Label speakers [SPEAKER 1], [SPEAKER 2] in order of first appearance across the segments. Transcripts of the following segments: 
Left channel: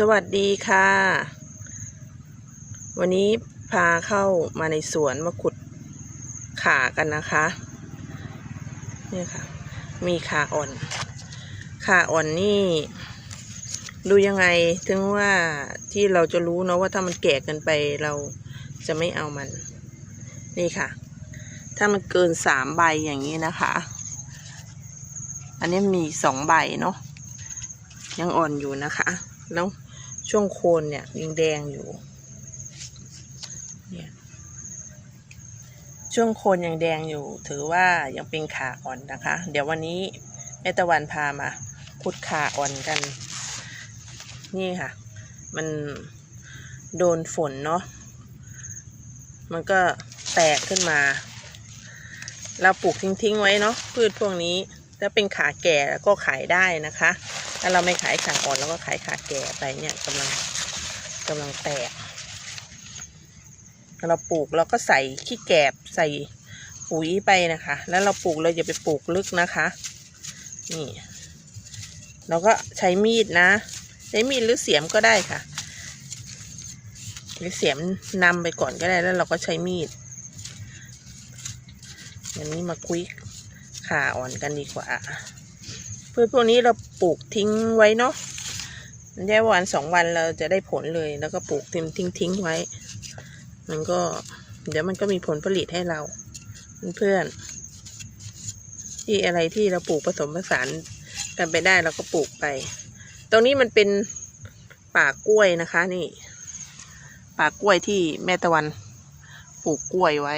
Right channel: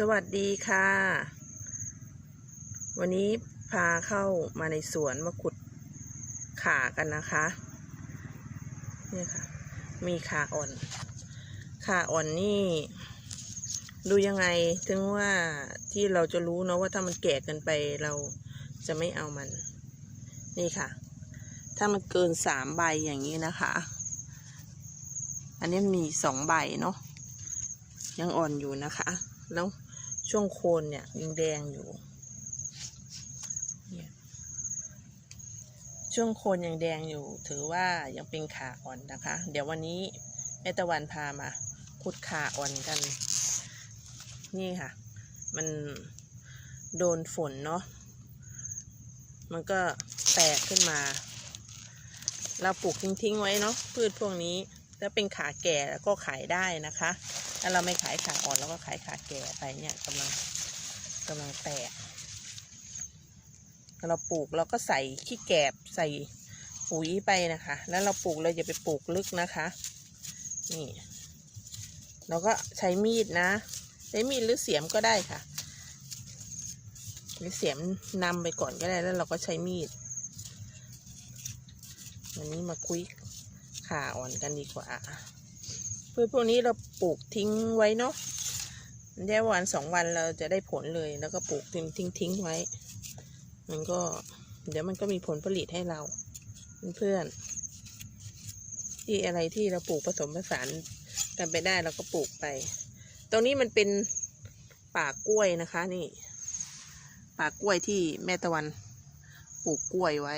[SPEAKER 1] สวัสดีค่ะ วันนี้พาเข้ามาในสวนมาขุดขากันนะคะนี่ค่ะ มีขาอ่อน ขาอ่อนนี่ ดูยังไงถึงว่าที่เราจะรู้เนาะว่าถ้ามันแก่เกินไปเราจะไม่เอามัน นี่ค่ะ ถ้ามันเกินสามใบอย่างนี้นะคะ อันนี้มีสองใบเนาะยังอ่อนอยู่นะคะ แล้ว ช่วงโคนเนี่ยยังแดงอยู่เนี่ยช่วงโคนยังแดงอยู่ ถือว่ายังเป็นขาอ่อนนะคะ เดี๋ยววันนี้แม่ตะวันพามาพุดขาอ่อนกัน นี่ค่ะ มันโดนฝนเนาะมันก็แตกขึ้นมา เราปลูกทิ้งๆไว้เนาะพืชพวกนี้ถ้าเป็นขาแก่ก็ขายได้นะคะ ถ้าเราไม่ขายขาอ่อนเราก็ขายขาแก่ไปเนี่ยกำลังกำลังแตกเราปลูกเราก็ใส่ขี้แกบใส่ปุ๋ยไปนะคะ แล้วเราปลูกเราอย่าไปปลูกลึกนะคะ นี่เราก็ใช้มีดนะ ใช้มีดหรือเสียมก็ได้ค่ะ หรือเสียมนำไปก่อนก็ได้แล้วเราก็ใช้มีดอันนี้มาคุยขาอ่อนกันดีกว่า พื่อพวกนี้เราปลูกทิ้งไว้เนาะแค่วันสองวันเราจะได้ผลเลย แล้วก็ปลูกทิ้งทิ้งทิ้งไว้ มันก็ เดี๋ยวมันก็มีผลผลิตให้เรา เพื่อนที่อะไรที่เราปลูกผสมผสานกันไปได้เราก็ปลูกไป ตรงนี้มันเป็นป่ากล้วยนะคะนี่ป่ากล้วยที่แม่ตะวันปลูกกล้วยไว้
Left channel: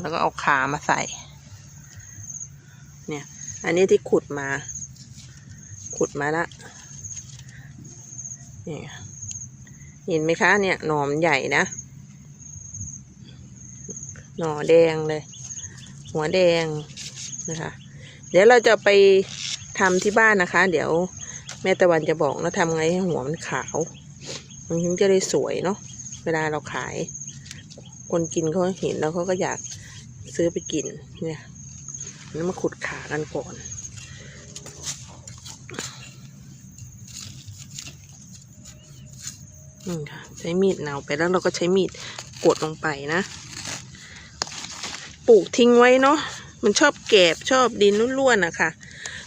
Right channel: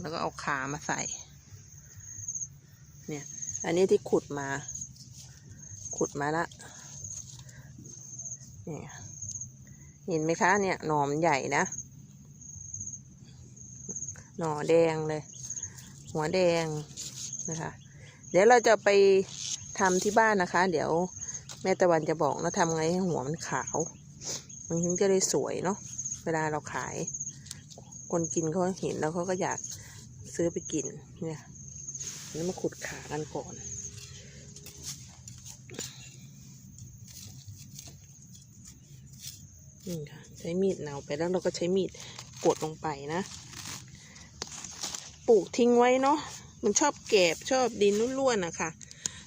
[SPEAKER 1] แล้วก็เอาขามาใส่ เนี่ย อันนี้ที่ขุดมา ขุดมาละนี่เห็นไหมคะเนี่ยหนอมใหญ่นะ หน่อแดงเลย หัวแดงนะคะ เดี๋ยวเราจะไปทำที่บ้านนะคะ เดี๋ยวแม่ตะวันจะบอกแล้วทำไงให้หัวมันขาวมันถึงจะได้สวยเนาะเวลาเราขาย คนกินเขาเห็นแล้วเขาก็อยากซื้อไปกินเนี่ย แล้วมาขุดขากันก่อนนี่ค่ะใช้มีดเนาไปแล้วเราก็ใช้มีดกดลงไปนะ ปลูกทิ้งไว้เนาะมันชอบแกบชอบดินร่วนๆนะคะ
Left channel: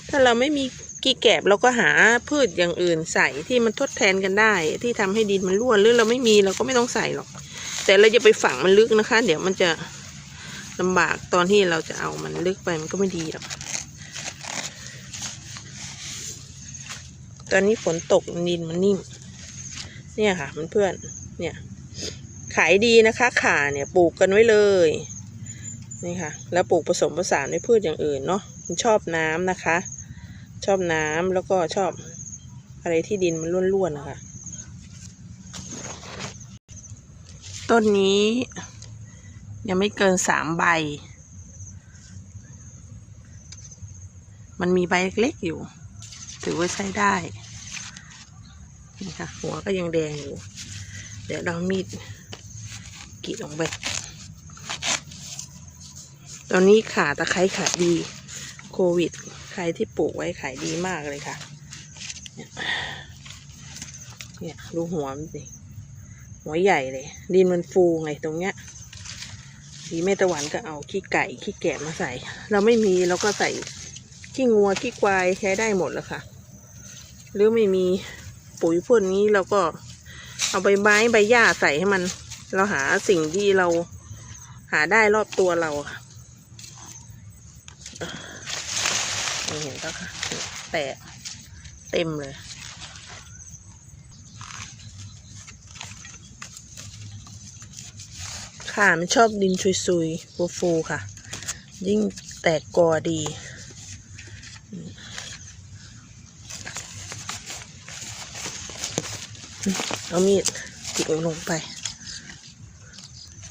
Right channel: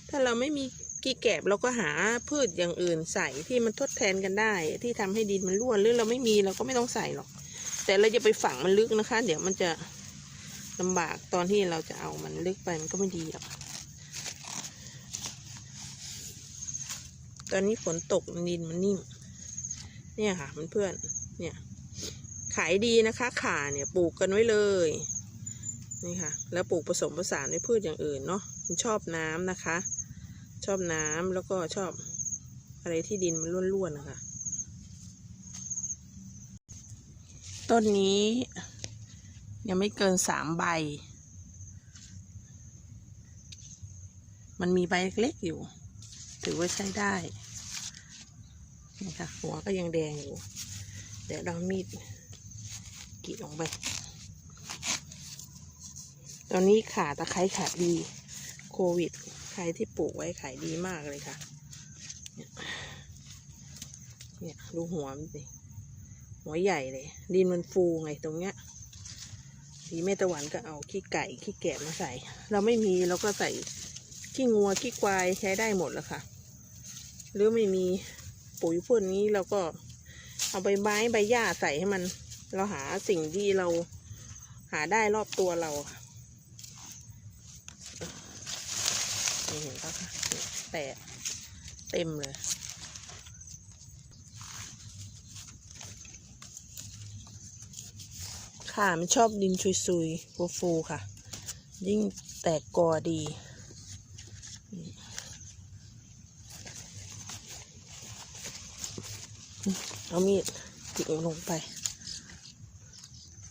[SPEAKER 1] ถ้าเราไม่มีกี่แกบเราก็หาพืชอย่างอื่นใส่ที่มันทดแทนกันได้ ที่ทำให้ดินมันร่วนหรือเราไม่มีเราก็ไม่ต้องใส่หรอก แต่เราจะไปฝังมันลึกนะคะ เดี๋ยวมันจะ ลำบากตอนที่เราจะเอามันลึกไปมันก็ไม่ดีหรอกตอนนี้ฝนตกดินมันนิ่ม เนี่ยค่ะเพื่อนๆเนี่ย ขายดีนะคะขาเนี่ยปลูกกันไว้เลยนี่ค่ะ แล้วปลูกผสมผสานด้วยพืชอย่างอื่นเนาะมันชอบน้ำนะคะ ชอบน้ำแล้วก็ชอบอะไรที่ดินมันร่วนๆนะคะ ต้นนี้ ยังไม่เกินสามใบ มันมีใบเล็กๆอยู่ ถือว่าใช้ได้นี่ค่ะหัวก็ยังแดงอยู่ เดี๋ยวเรามีดกรีดลงไป ตอนนี้ขาตะไคร้ขายดี โควิด ใครที่ปลูกไว้ขายดีมากเลยค่ะ เนี่ยเนี่ยดูหัวมันสิ หัวใหญ่เลย ดินมันฟูไงตรงเนี้ย ดีแม่ตะวันก็เอาขี้ไก่ขี้แกะมาใส่ เราไม่มีเราก็ใส่ขี้งัวขี้ควายใช้ได้หมดแล้วค่ะ หรือไม่มีปุ๋ยพวกนี้เราก็เอาใบไม้ใบหญ้าใส่ให้มัน เราหาสิ่งที่เราหาได้รอบตัวเราค่ะมีเห็นปะคะแตกเต็มเลย ค่ะ มันชอบดินชุยๆฟูๆค่ะ ยิ่งแตกกอดี เอามีดจิกลงไป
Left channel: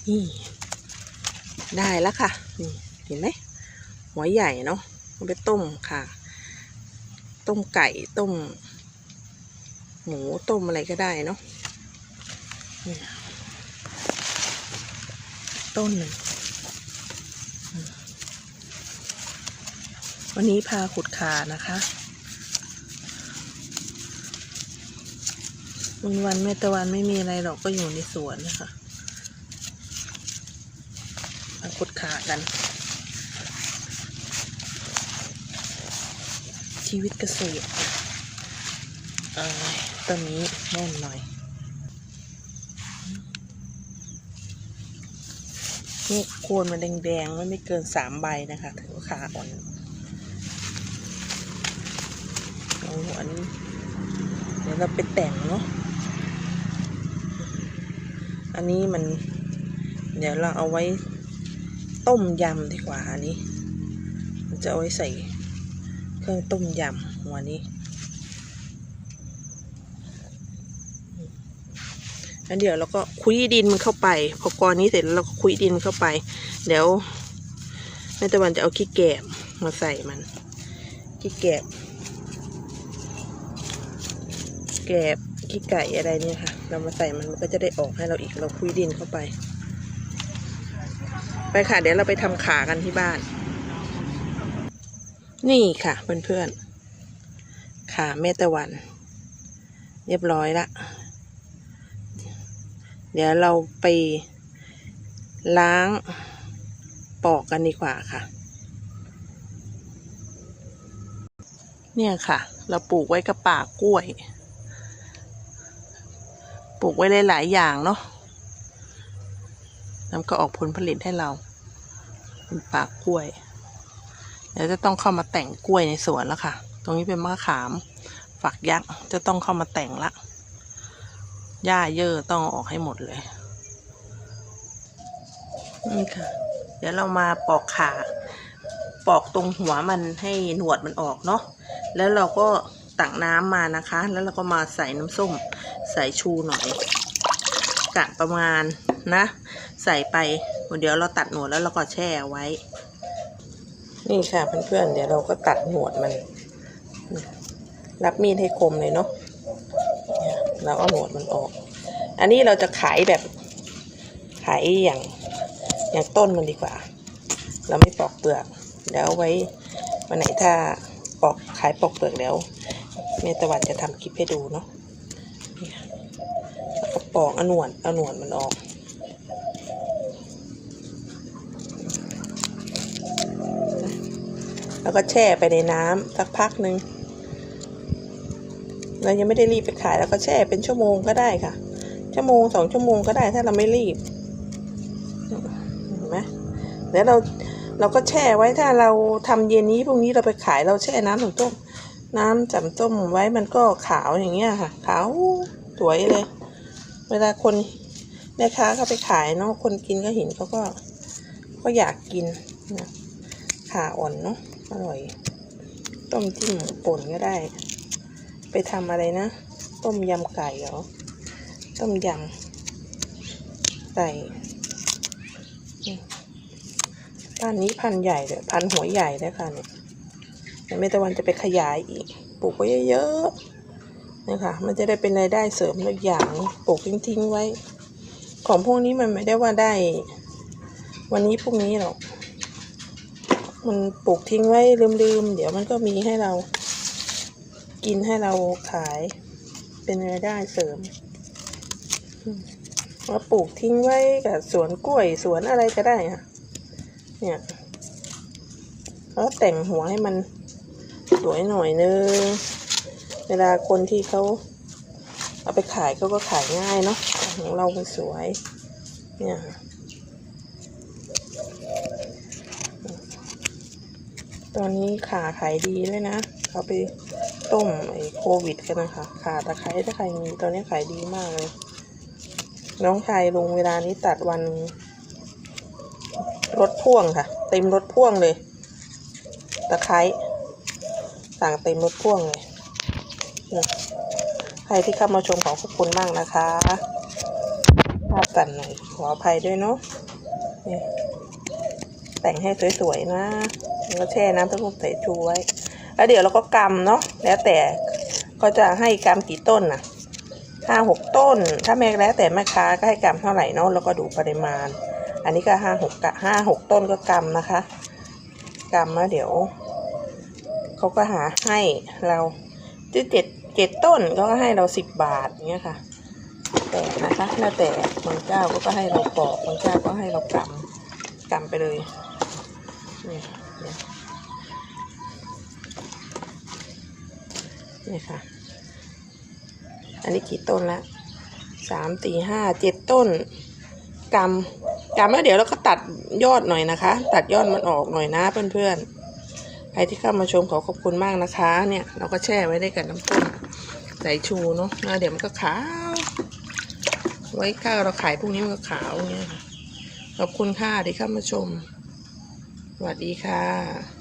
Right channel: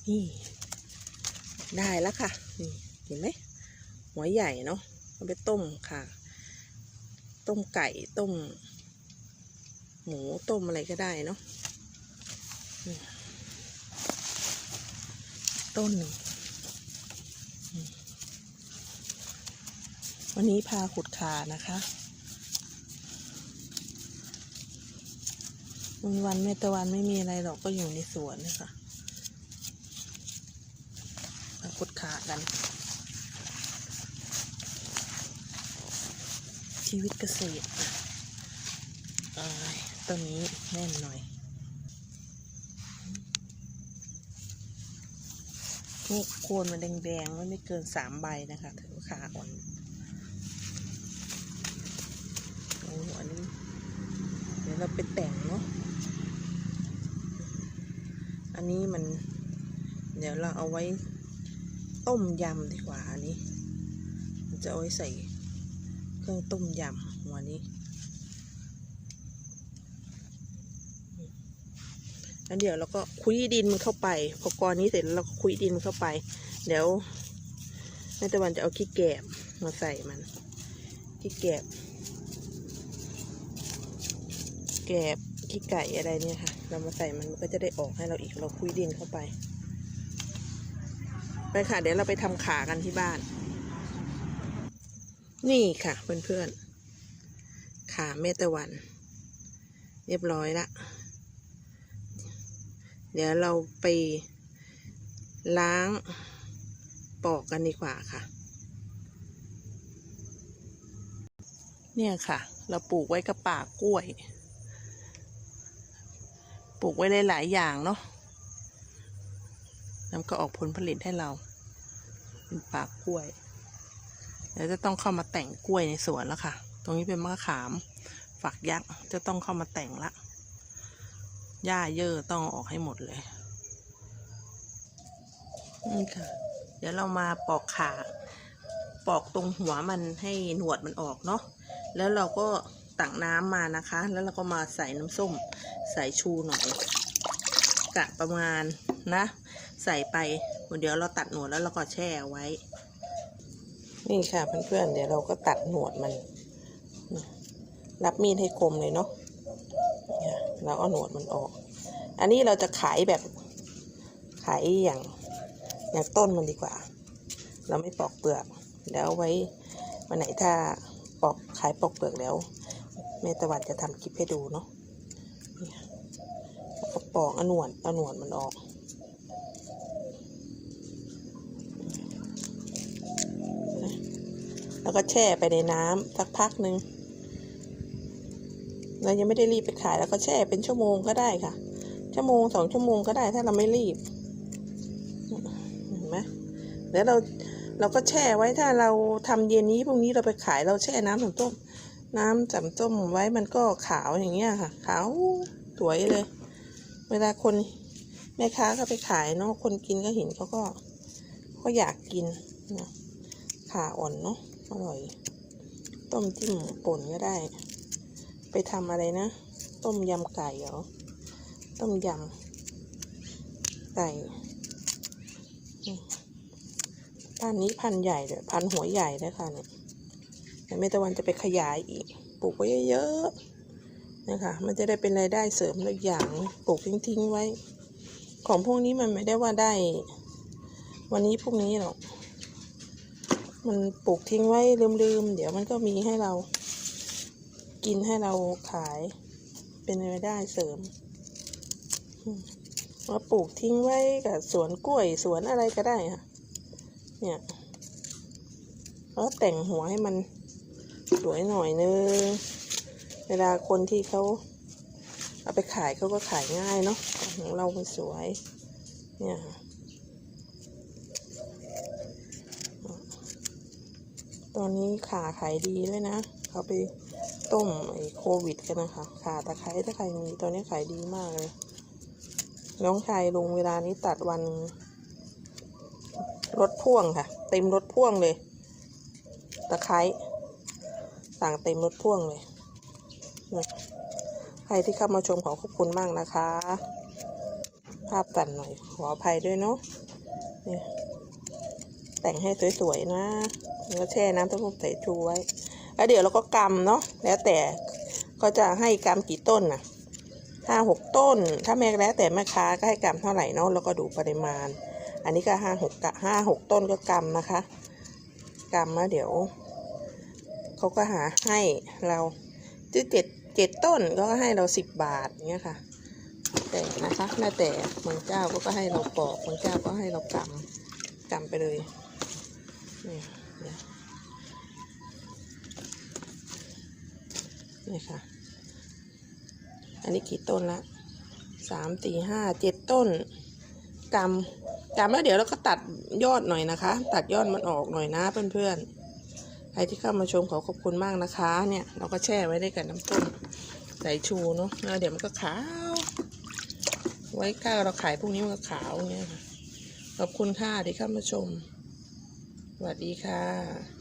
[SPEAKER 1] นี่ ได้แล้วค่ะ นี่ เห็นไหม หัวใหญ่เนาะเอาไปต้มค่ะ ต้มไก่ ต้ม หมู ต้มอะไรก็ได้เนาะ ต้นหนึ่งวันนี้พาขุดขานะคะวันวันแม่ตะวันไม่มีอะไรหรอกก็อยู่ในสวนนะคะมาขุดขากัน ชีวิตเกษตรเอ้ยต้นนี้แน่นหน่อย นี่โคนมันแดงๆมันไม่เกินสามใบนะคะถือว่าขาอ่อนเอาอันนี้เดี๋ยวเราไปแต่งเนาะอันนี้มัน เดี๋ยวเราเอาไว้ต้มยำดีกว่าอันนี้มันจะเอาไว้ใส่เครื่องต้มยำหัวนี้ แล้วเดี๋ยวเราก็คุยดินมันเข้าไป พอกรนี้เสร็จแล้วเราก็คุยดินเข้าไป เดี๋ยวแม่ตะวันจะเอาขี้แกบมาใส่มันขี้แกบแกบขี้ไก่อะไรเนี่ยค่ะ เรามาใส่มันมันก็จะได้ออกให้เราอีกเราคุยดินเข้าไป ไปค่ะ เดี๋ยวเราไปทำขากันที่บ้าน นี่ค่ะเพื่อนๆขาเมตะวัน เรียบร้อยละ เดี๋ยวเราไปล้างปอกกันดีกว่าค่ะ เนี่ยค่ะ เราปลูกไว้กับป่ากล้วย ปลูกไว้หลายๆอย่างเนาะแล้วก็ออกผลผลิตให้เราเป็นป่ากล้วยเดี๋ยวจะต้องเข้ามาแต่งกล้วยในสวนแล้วค่ะ ตรงนี้เป็นมะขาม ฝักยักษ์จะต้องเข้ามาแต่งละ หญ้าเยอะต้องอออกให้หมดเลย นี่ค่ะ เดี๋ยวเรามาปอกขา ปอกตรงหัวมันให้หนวดมันออกเนาะ แล้วเราก็ตักน้ำมานะคะ แล้วเราก็มาใส่น้ำส้ม ใส่ชูหน่อยกะประมาณนะ ใส่ไปเดี๋ยวเราตัดหนวดแล้วเราก็แช่ไว้ นี่ค่ะเพื่อนๆเดี๋ยวเราก็ตัดหนวดมัน รับมีดให้คมเลยเนาะ เราเอาหนวดมันออก อันนี้เราจะขายแบบขายอย่างอย่างต้นมันดีกว่า เราไม่ปอกเปลือกเดี๋ยวไว้วันไหนถ้าปอกขายปอกเปลือกแล้วเมตะวันจะทำคลิปให้ดูเนาะแล้วก็ปอกอหนวดเอาหนวดมันออกแล้วก็แช่ไปในน้ำสักพักหนึ่ง เรายังไม่ได้รีบไปขายแล้วก็แช่เป็นชั่วโมงก็ได้ค่ะ ชั่วโมงสองชั่วโมงก็ได้ถ้าเราไม่รีบเห็นไหมเดี๋ยวเราเราก็แช่ไว้ถ้าเราทำเย็นนี้พรุ่งนี้เราไปขายเราแช่น้ำถึงต้ม น้ำจำต้มไว้มันก็ขาวอย่างเงี้ยค่ะ ขาวสวยเลย เวลาคนแม่ค้าเขาไปขายเนาะคนกินก็เห็นเขาก็ ก็อยากกินนะขาอ่อนเนาะอร่อย ต้มจิ้มป่นก็ได้ ไปทำอะไรนะ ต้มยำไก่เหรอ ต้มยำไก่อืมพันนี้พันใหญ่เลยพันหัวใหญ่เลยค่ะเนี่ยแต่ไม่ตะวันจะไปขยายอีก ปลูกไว้เยอะๆนะคะ มันจะได้เป็นรายได้เสริมอีกอย่าง ปลูกทิ้งๆไว้ ของพวกนี้มันไม่ได้ว่าได้ วันนี้พรุ่งนี้หรอก มันปลูกทิ้งไว้ลืมๆ เดี๋ยวมันก็มีให้เรา กินให้เราขายเป็นรายได้เสริมมแล้วปลูกทิ้งไว้กับสวนกล้วยสวนอะไรก็ได้ค่ะ เนี่ยแล้วแต่งหัวให้มันสวยหน่อยนึง เวลาคนที่เขาเอาไปขายเขาก็ขายง่ายเนาะของเรามันสวย เนี่ยตอนนี้ขาขายดีด้วยนะ เขาไป ต้มไอ้โควิดกันนะคะขาตะไคร้ถ้าใครมีตอนนี้ขายดีมากเลย น้องชายลงเวลานี้ตัดวันนึงรถพ่วงค่ะ เต็มรถพ่วงเลย ตะไคร้สั่งเต็มรถพ่วงเลยใครที่เข้ามาชมขอขอบคุณมากนะคะภาพตัดหน่อยขออภัยด้วยเนาะนี่แต่งให้สวยๆนะ แล้วแช่น้ำต้าหู้ใส่ชูไว้ แล้วเดี๋ยวเราก็กำเนาะแล้วแต่ก็จะให้กำกี่ต้นน่ะห้าหกต้น ถ้าแม่แล้วแต่แม่ค้าก็ให้กำเท่าไหร่เนาะแล้วก็ดูปริมาณ อันนี้ก็ห้าหกกะห้าหกต้นก็กำนะคะกำแล้วเดี๋ยวเขาก็หาให้เราที่เจ็ดเจ็ดต้นก็ให้เราสิบบาทเงี้ยค่ะแต่นะคะแล้วแต่บางเจ้าก็ให้เราปอกบางเจ้าก็ให้เรากำกำไปเลยนี่ นี่ค่ะ อันนี้กี่ต้นละสามสี่ห้าเจ็ดต้นกำกำแล้วเดี๋ยวเราก็ตัดยอดหน่อยนะคะ ตัดยอดมันออกหน่อยนะเพื่อนๆใครที่เข้ามาชมขอขอบคุณมากนะคะ เนี่ยเราก็แช่ไว้ได้กับน้ำต้มใสายชูเนาะเดี๋ยวมันก็ขาว ไว้ข้าวเราขายพวกนี้มันก็ขาวเงี้ยค่ะขอบคุณค่ะที่เข้ามาชมสวัสดีค่ะ